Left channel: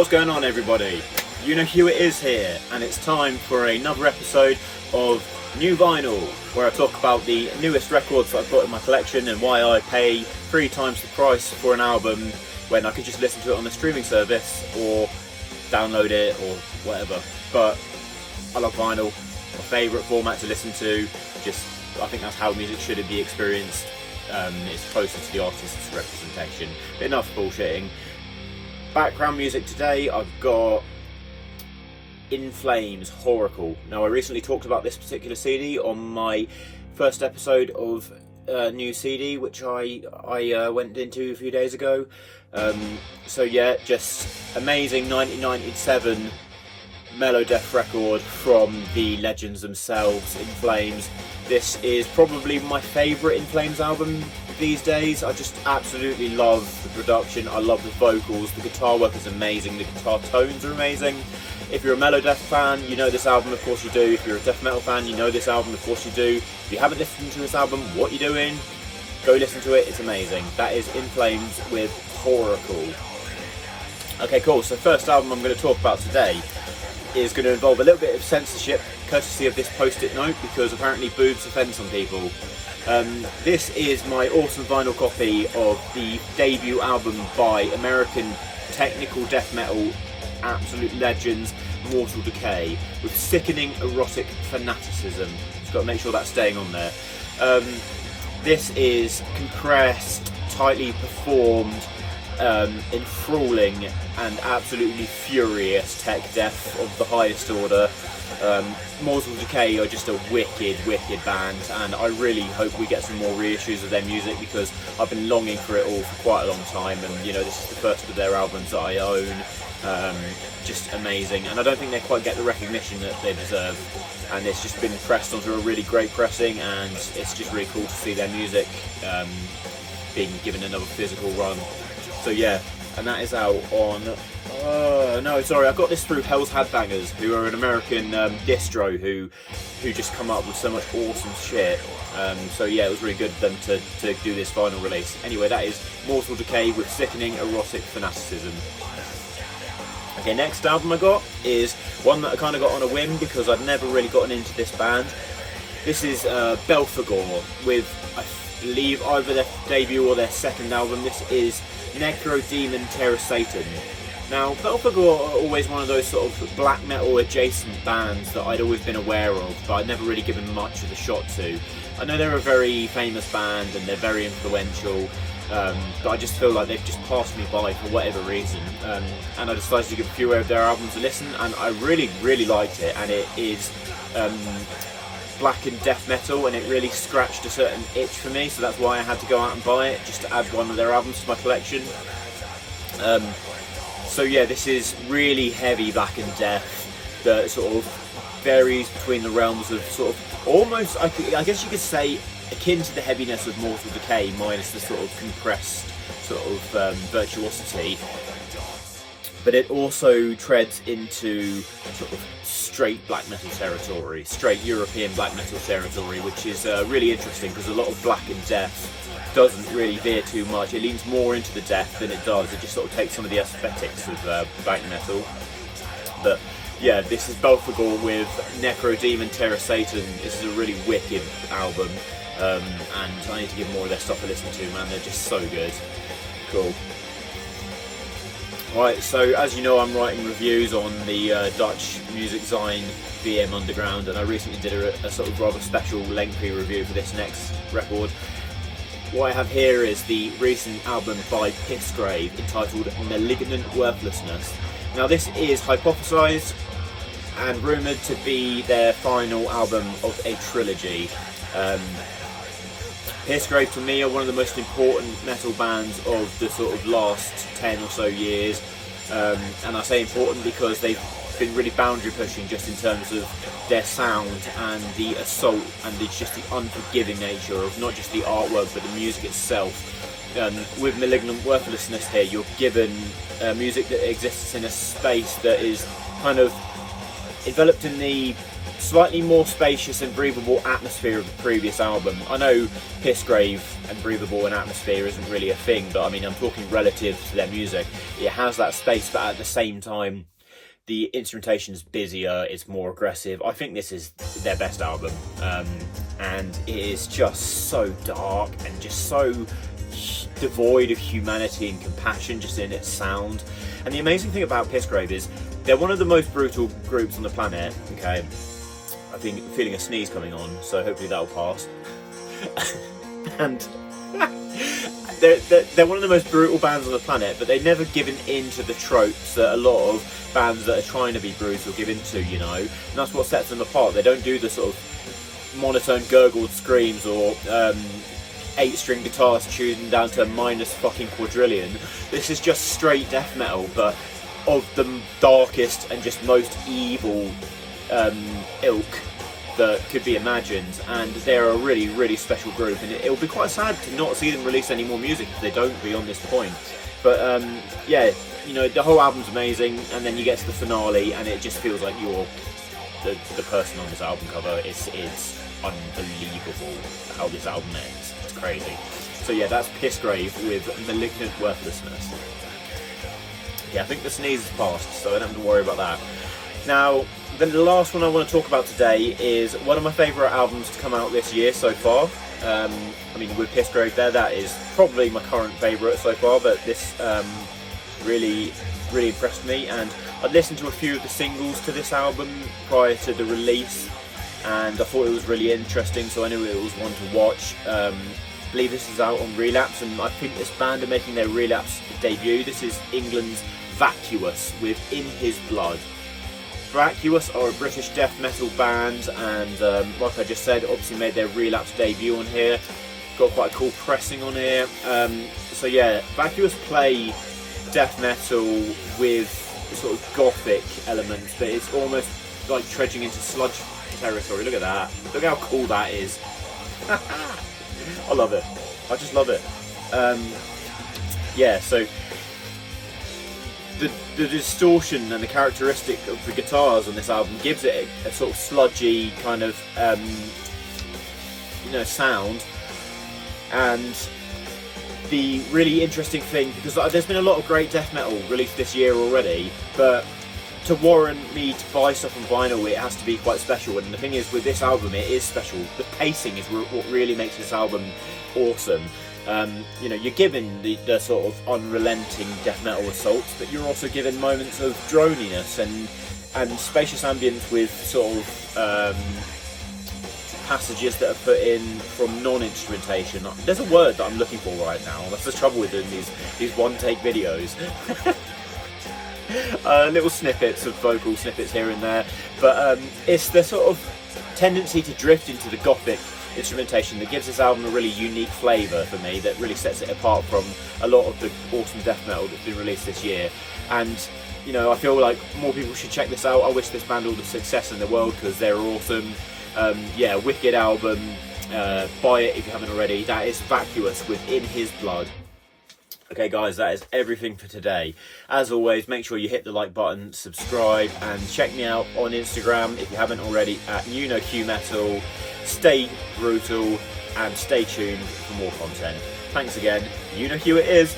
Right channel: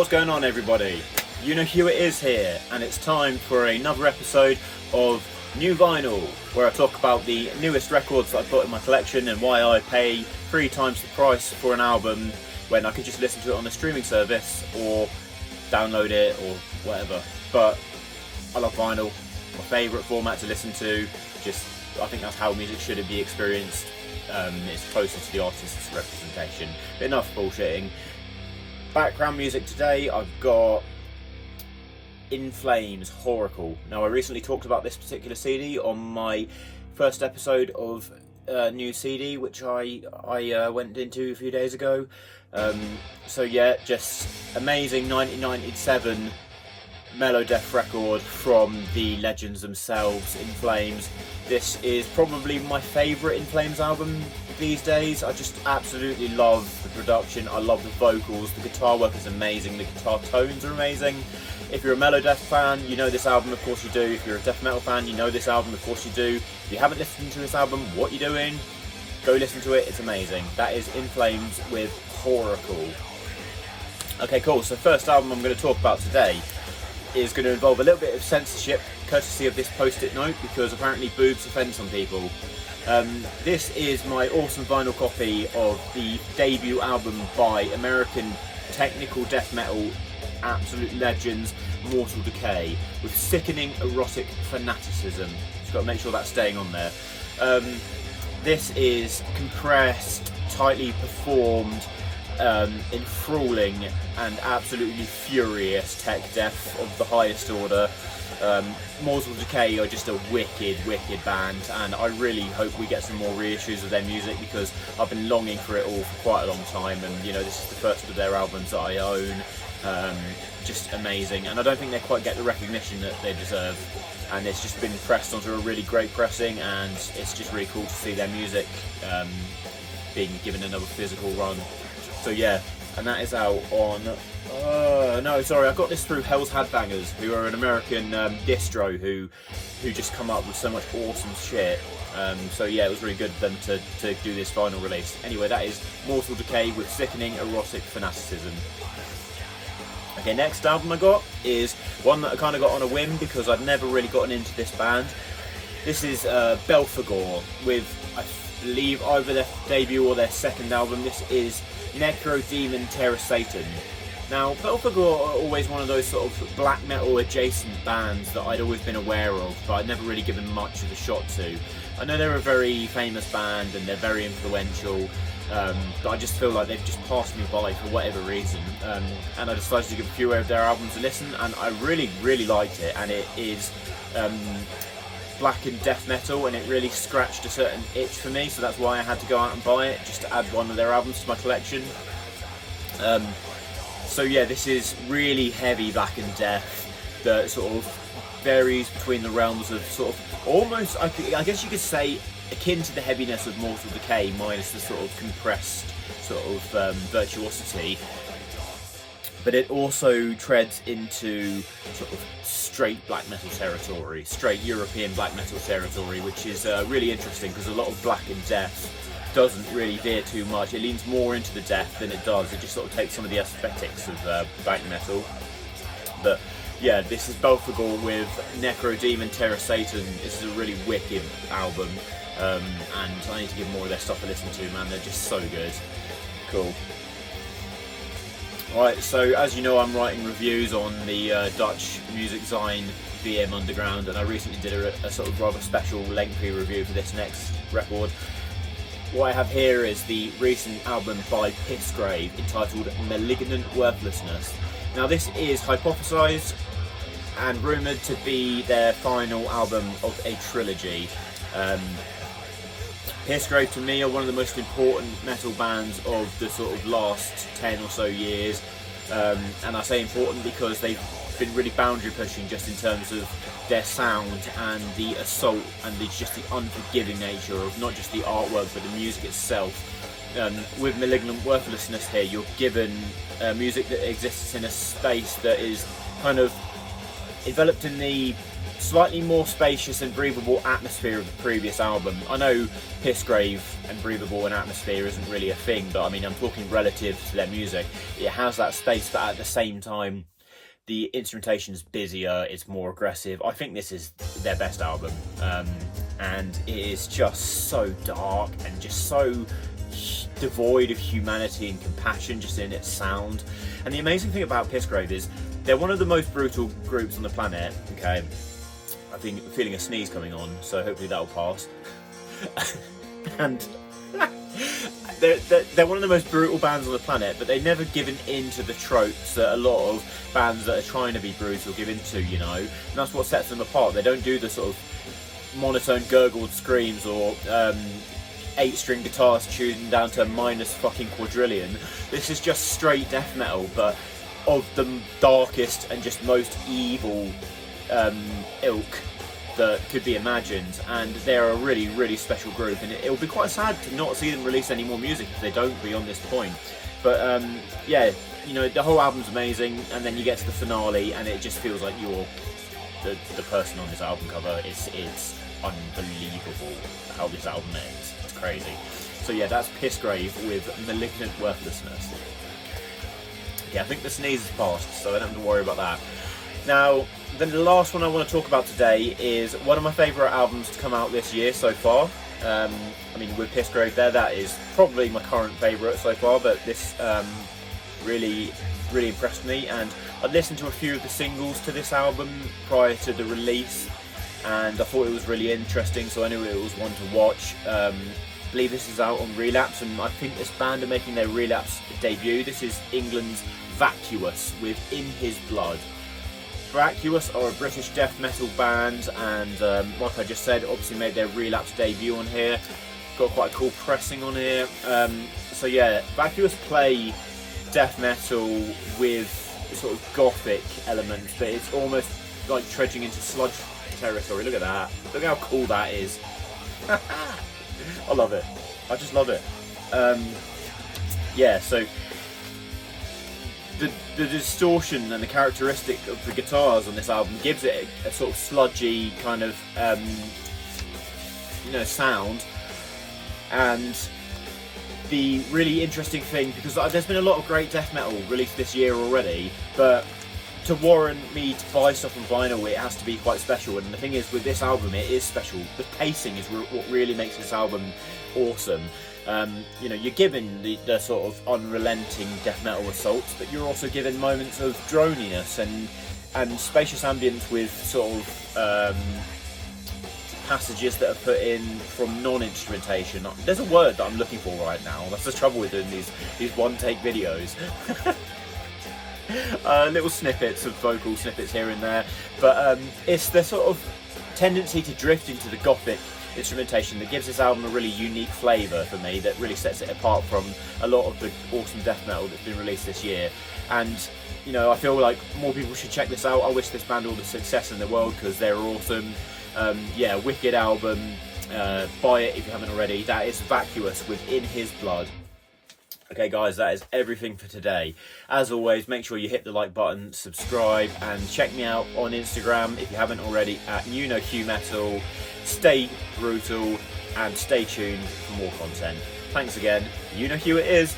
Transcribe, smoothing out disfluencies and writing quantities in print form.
What's going on, everybody? You know who it is here, and it's time for another episode of New Vinyl, where I talk about the newest records that I've got in my collection and why I pay 3 times the price for an album when I could just listen to it on the streaming service or download it or whatever. But I love vinyl, my favourite format to listen to. I think that's how music should be experienced. It's closer to the artist's representation. But enough bullshitting. Background music today, I've got In Flames, Oracle. Now, I recently talked about this particular CD on my first episode of a new CD, which I went into a few days ago. So yeah, just amazing 1997 Melodeath record from the legends themselves, In Flames. This is probably my favourite In Flames album these days. I just absolutely love the production, I love the vocals, the guitar work is amazing, the guitar tones are amazing. If you're a Melodeath fan, you know this album, of course you do. If you're a death metal fan, you know this album, of course you do. If you haven't listened to this album, what are you doing? Go listen to it, it's amazing. That is In Flames with Oracle. Okay, cool, so first album I'm going to talk about today is going to involve a little bit of censorship, courtesy of this post-it note, because apparently boobs offend some people. This is my awesome vinyl copy of the debut album by American technical death metal absolute legends, Mortal Decay, with Sickening, Erotic, Fanaticism. Just got to make sure that's staying on there. This is compressed, tightly performed, enthralling and absolutely furious tech death of the highest order. Mortal Decay are just a wicked band, and I really hope we get some more reissues of their music, because I've been longing for it all for quite a long time, and you know, this is the first of their albums that I own. Just amazing, and I don't think they quite get the recognition that they deserve, and it's just been pressed onto a really great pressing, and it's just really cool to see their music being given another physical run. So yeah, and that is out on, no, sorry, I got this through Hell's Headbangers, who are an American distro who just come up with so much awesome shit. So yeah, it was really good of them to do this final release. Anyway, that is Mortal Decay with Sickening, Erotic, Fanaticism. Okay, next album I got is one that I kind of got on a whim, because I'd never really gotten into this band. This is Belphegor with, I believe, either their debut or their second album. This is Necrodaemon, Terrorsathan. Now, Belphegor are always one of those sort of black metal adjacent bands that I'd always been aware of, but I'd never really given much of a shot to. I know they're a very famous band and they're very influential, but I just feel like they've just passed me by for whatever reason. And I decided to give a few of their albums a listen, and I really liked it, and it is black and death metal, and it really scratched a certain itch for me, so that's why I had to go out and buy it, just to add one of their albums to my collection. So yeah, this is really heavy black and death that sort of varies between the realms of sort of almost, I guess you could say, akin to the heaviness of Mortal Decay, minus the sort of compressed sort of virtuosity. But it also treads into sort of straight black metal territory, straight European black metal territory, which is really interesting, because a lot of black and death doesn't really veer too much. It leans more into the death than it does. It just sort of takes some of the aesthetics of black metal. But yeah, this is Belphegor with Necrodaemon, Terrorsathan. This is a really wicked album, and I need to give more of their stuff a listen to, man. They're just so good. Cool. Right, so as you know, I'm writing reviews on the Dutch music zine VM Underground, and I recently did a sort of rather special lengthy review for this next record. What I have here is the recent album by Pissgrave entitled Malignant, Worthlessness. Now, this is hypothesised and rumoured to be their final album of a trilogy. Pissgrave, to me, are one of the most important metal bands of the sort of last 10 or so years, and I say important because they've been really boundary pushing, just in terms of their sound and the assault and just the unforgiving nature of not just the artwork but the music itself. With Malignant, Worthlessness here, you're given music that exists in a space that is kind of enveloped in the slightly more spacious and breathable atmosphere of the previous album. I know Pissgrave and breathable and atmosphere isn't really a thing, but I mean, I'm talking relative to their music. It has that space, but at the same time, the instrumentation is busier, it's more aggressive. I think this is their best album, and it is just so dark and just so devoid of humanity and compassion just in its sound. And the amazing thing about Pissgrave is they're one of the most brutal groups on the planet. Okay, I think I'm feeling a sneeze coming on, so hopefully that'll pass. And they're one of the most brutal bands on the planet, but they've never given in to the tropes that a lot of bands that are trying to be brutal give into, you know, and that's what sets them apart. They don't do the sort of monotone gurgled screams or 8-string guitars tuned down to minus fucking quadrillion. This is just straight death metal, but of the darkest and just most evil ilk that could be imagined, and they're a really, really special group, and it'll be quite sad to not see them release any more music if they don't beyond this point. But yeah, you know, the whole album's amazing, and then you get to the finale and it just feels like you're the person on this album cover. It's unbelievable how this album ends. It's crazy. So yeah, that's Pissgrave with Malignant Worthlessness. Yeah, I think the sneeze has passed, so I don't have to worry about that. Now, the last one I want to talk about today is one of my favourite albums to come out this year so far. I mean, with Pissgrave there, that is probably my current favourite so far, but this really impressed me, and I'd listened to a few of the singles to this album prior to the release, and I thought it was really interesting, so I knew it was one to watch. I believe this is out on Relapse, and I think this band are making their Relapse debut. This is England's Vacuous with In His Blood. Vacuous are a British death metal band, and like I just said, obviously made their Relapse debut on here. Got quite a cool pressing on here. So yeah, Vacuous play death metal with sort of gothic elements, but it's almost like trudging into sludge territory. Look at that. Look how cool that is. I love it. I just love it. Yeah, so the distortion and the characteristic of the guitars on this album gives it a sort of sludgy kind of you know, sound. And the really interesting thing, because there's been a lot of great death metal released this year already, but to warrant me to buy stuff on vinyl, it has to be quite special. And the thing is, with this album, it is special. The pacing is what really makes this album awesome. You know, you're given the sort of unrelenting death metal assaults, but you're also given moments of droniness and spacious ambience with sort of passages that are put in from non-instrumentation. There's a word that I'm looking for right now. That's the trouble with doing these one-take videos. Little snippets of vocal snippets here and there, but it's the sort of tendency to drift into the gothic instrumentation that gives this album a really unique flavour for me, that really sets it apart from a lot of the awesome death metal that's been released this year. And you know, I feel like more people should check this out. I wish this band all the success in the world, because they're awesome. Yeah, wicked album. Buy it if you haven't already. That is Vacuous with In His Blood. Okay guys, that is everything for today. As always, make sure you hit the like button, subscribe, and check me out on Instagram if you haven't already at QMetal. Stay brutal and stay tuned for more content. Thanks again. You know who it is.